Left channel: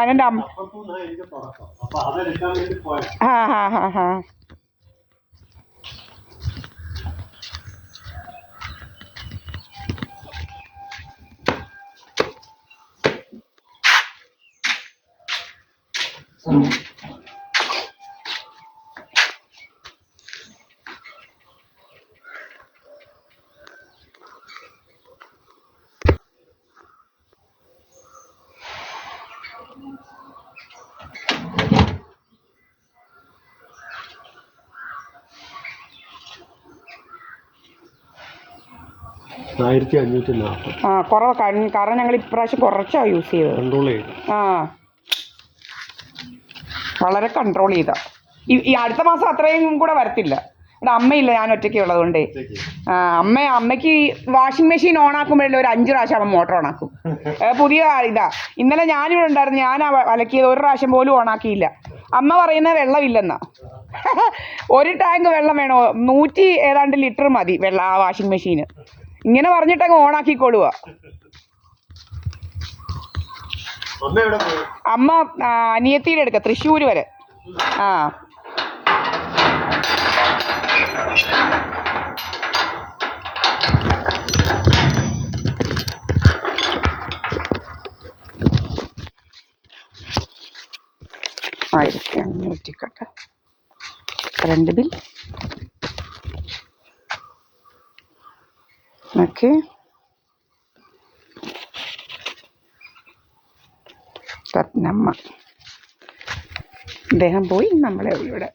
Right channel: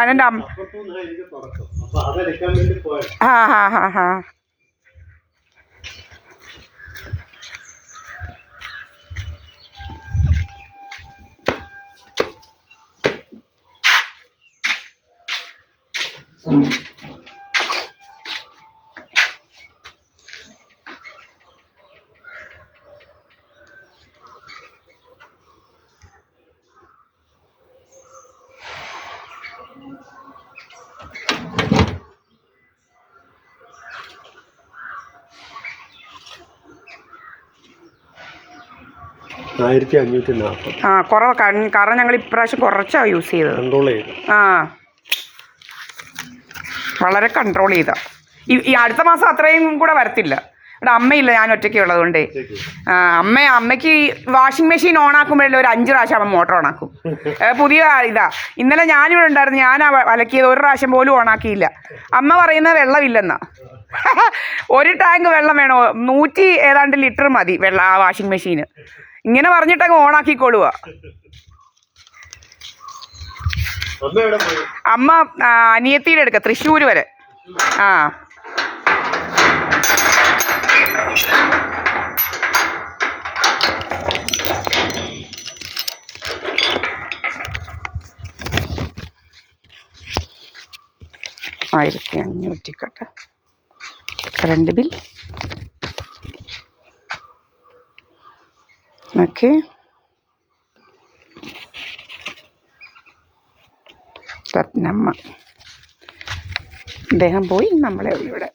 കാരണം എൻ്റെ അമ്മ ഹാ 1540. ആ കുറവ് കാരണം ഞങ്ങൾ ഇപ്രാവശ്യം കുറച്ചാണ് യൂസ് ചെയ്തത്. ആ വളരെ കൺട്രോൾ ചെയ്ത ഈ അടുത്ത മാസം അത്രയും കൂടെ വരത്തില്ല. ഇവിടെ അമ്മയില്ല, ഞാൻ ഒറ്റയ്ക്ക് ഉള്ളതുകൊണ്ടേ. അമ്മയ്ക്ക് വാഷിംഗ് മെഷീൻ ഓണാക്കുമ്പോഴല്ലേ ഒരു 5 പ്രാവശ്യം അമ്മ മോട്ടർ ഓണാക്കും. പുതിയ ഇതാ. ഇന്നലെ ഞാനിവിടെ ഉണ്ടായിരുന്നു, ഞാൻ അലക്കിയത് ഒരു പ്രാവശ്യം പോലും ഓണാക്കിയില്ല. അമ്മ പറയുന്നത് വെള്ളമില്ലെന്നാ. 1 ടാങ്ക് വെള്ളം വേണോ, 100 ഏതാണ്ട് ലിറ്റർ മതി വെള്ളം ആ വാഷിംഗ് മെഷീന്. ഇങ്ങനെ പറഞ്ഞിട്ടങ്ങ് ഓണാക്കിക്കൊള്ളുക. അമ്മ അനിയത്തിയുടെ എടുക്കുക, തൃശ്ശൂർ വരെ. ആ $1500 കറണ്ട് ബിൽ. ഓക്കെ, സ്വപ്നമ്മ അദ്ദേഹം പോയി, നമ്മളെ ഇവിടെ.